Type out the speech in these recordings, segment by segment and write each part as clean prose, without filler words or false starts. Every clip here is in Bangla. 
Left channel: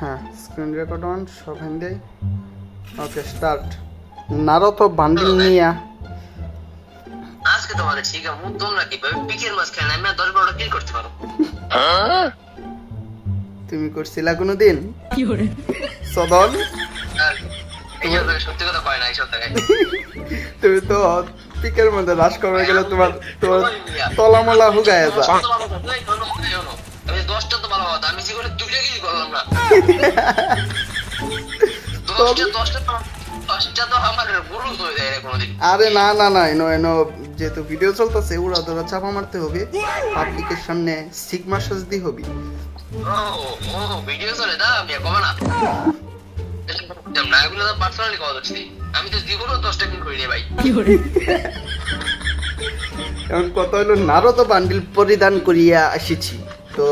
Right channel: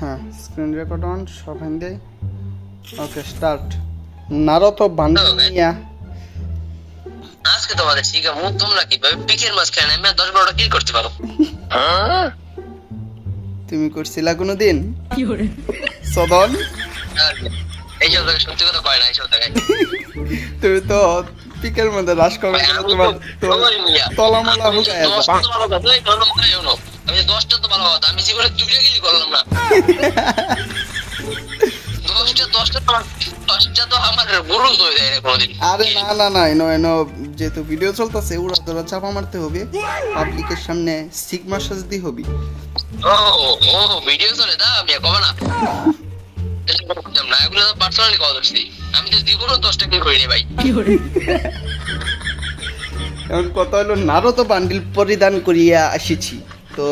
হ্যাঁ স্ক্রিন রেকর্ড অন সব Hindi okay start Naruto bundle নিয়া আজকে তোমাদের শিখা মুখ তোমরা কিভাবে পিকের মাঝখানে আমি 10-12টা কিল করতে পারো হ্যাঁ তুমি করছিলা কোনোদিন কি করে সদন এই যে সত্যি কথা কয় না এইসব জায়গায় তুমি তো পিকের মধ্যে রাশ করে গেলে তোমার তলামলা হুগায় যা আমি 10টা তো ভালো কথা আমি জীবনে 2টা কিল করলাম না 10টা তো আমার গরু হয়ে যায় কোনদিন আরে না না না এনো যেহেতু ভিডিও চলতেছে ওরা তোরা চাপা মারতে হবে পাবলিকের সামনে সিগমা সাজদি হবে ও ভিডিও চলে না আমি কব না না এগুলো তো পার্সোনালি কল করছি আমি তো জীবনে 10টা কিল করিনি ভাই কি করে এখন কত হলো নারুতো বান্ডিল পরিধান করিয়া আসিছি তো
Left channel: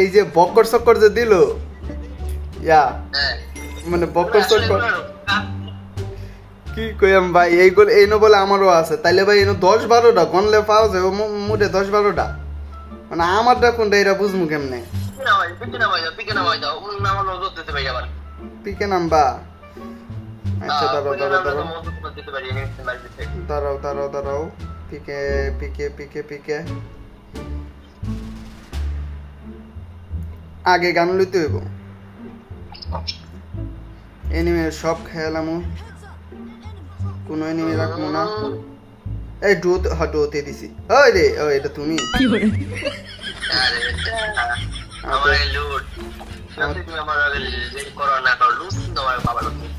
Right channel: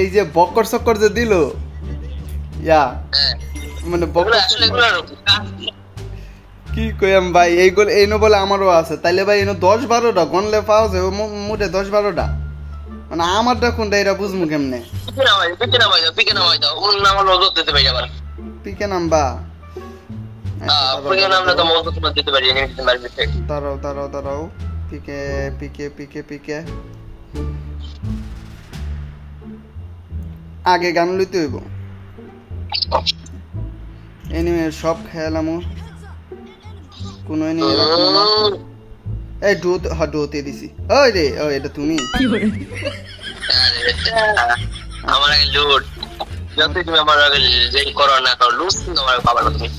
এই যে বক্কর চক্কর যে দিল ইয়া মানে বক্কর চক্কর কি কইম ভাই এইগুলো এইনো বলে আমারও আছে তাইলে ভাই এনো 10-12টা গনলে পাওয়া যাবে মোটে 10-12টা মানে আমারটা কোনটা এটা বুঝমু কেমনে পিকে নাম্বা দাঁড়াও পিকে আগে গান লইতে হইব এনিমে সব খেলাম কোন এনিমে রাখবো না এই ডোতে দিছি ওই রে ও এটা তুমি কি করে আমার লুট যতই তুমি আমার আগে যেই করো না করো লুট তোমার বাবা তুমি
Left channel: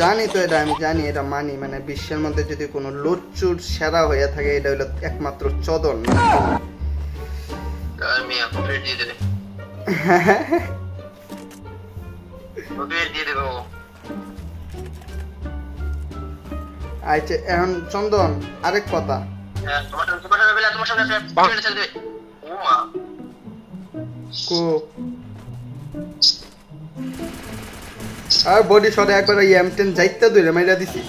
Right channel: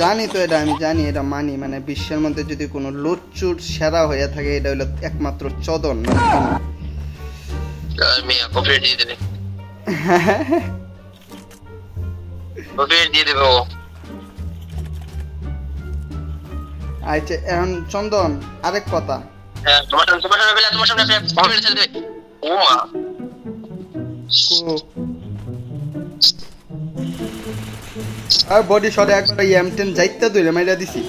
জানি তো এটা আমি জানি এটা মানি মানে বিশ্বের মধ্যে যদি কোনো লুটচুট সেরা হয়ে থাকে এটা হলো একমাত্র চদন আচ্ছা এখন চন্দন আরেক কথা আর বডি শটে একবার M10 যাইতে দইরে মাইরা দিছি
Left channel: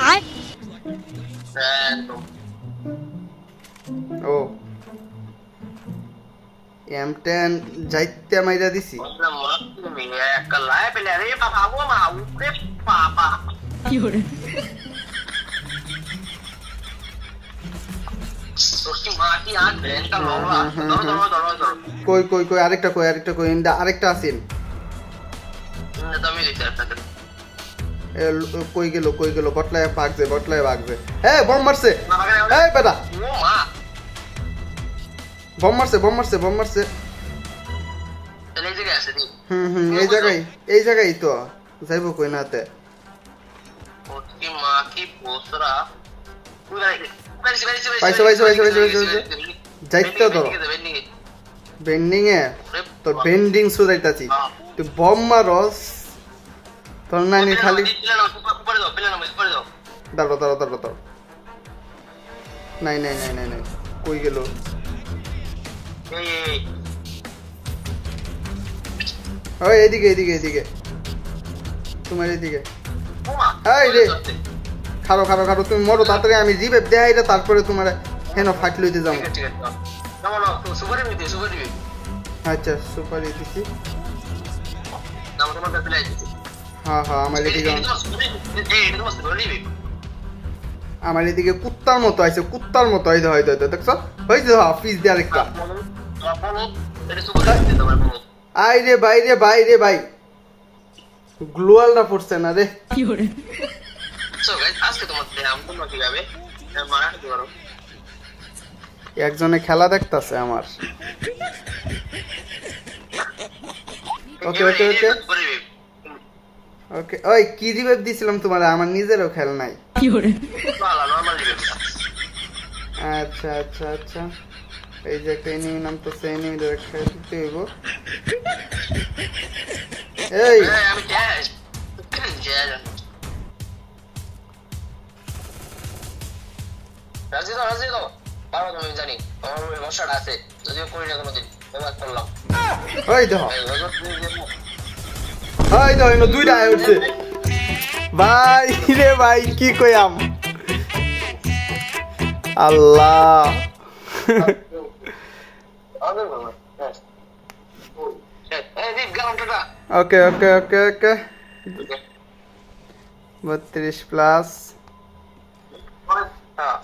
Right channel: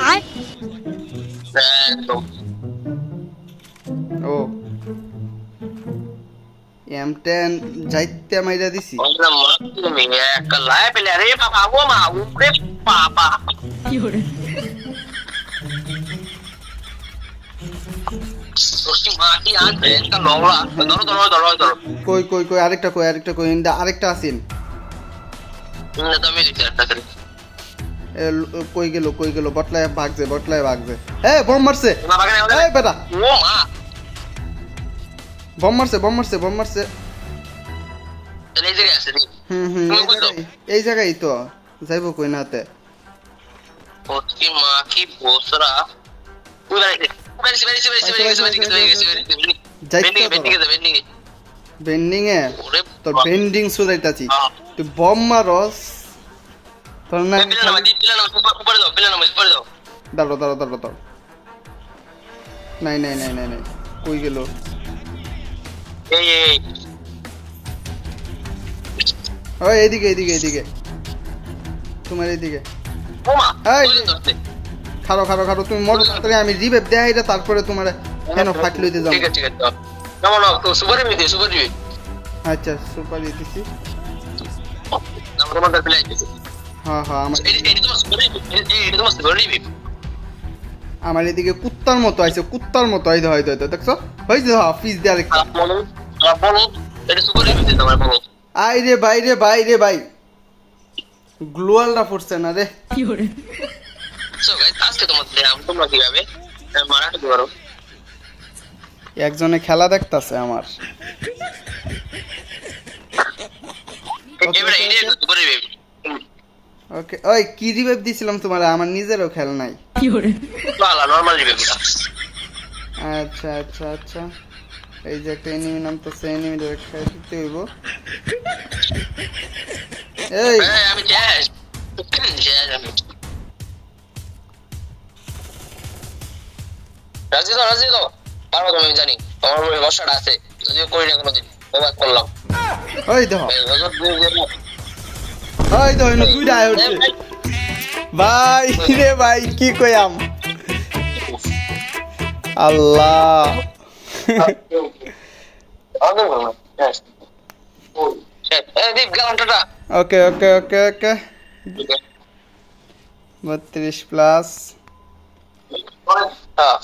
ও M10 যাইতে মাইরা দিছি একটা লাই পেলে আরে বাবা ও মা উপরে বাবা কি হরে কই আরেকটা আরেকটা আছেন কই গেল বটলায় ভাগছে এ বম মারছে এই বেটা বম মারছে এই জায়গায় তো যাইবো কই নাতে বেন্ডিং এ তোর বেন্ডিং সুদাইতাছি তুই বম মারস তোর না আমি খালি দাঁড়াও নাই কই গেল ওই এদিকে তোমার এদিকে এই রে খারো তুমি মরো তাড়াতাড়ি আমি রিভাইভ দেই এটা তারপরে তোমার কেন ফাইট লইতে যাও ঠিক আছে না সুপার দিবি আচ্ছা সুপার দিছি আমরা মাদার প্লেয়ার দিছি হ্যাঁ আমার এদিকে কুত্তার মতো আইছে হয়তো দেখছো হইছে অফিস দিয়ে আরেকটা এটা সুপার দিতে তোমার বলো আই রে ভাই গ্লোয়ালটা পড়ছে না রে কি করে সো গাইস আজকে তোমরা কিভাবে মারাতে পারো একজনে খেলা দেখতাছে আমার ওকে ওই কি রিভাইভ দিছিলাম তোমার আমার নিজেরও খেল নাই কি করে নরমাল রিভাইভ আচ্ছা এই যে এনিমি নামতেছে এনিমি ধরে খেলতে হইব এই আমি জ্যাজ রাজি দাও পারবো তুমি জানি আমার উপরে ভরসাটা আছে যদিও করি না কোনোদিন ওভার করলাম ওই দেখো দুইটা হচ্ছে ভাই কি কইয়াম আল্লাহ দীপ গেলাম, টাটা। ওকে ওকে ওকে ওকে 32 প্লাস হ্যাঁ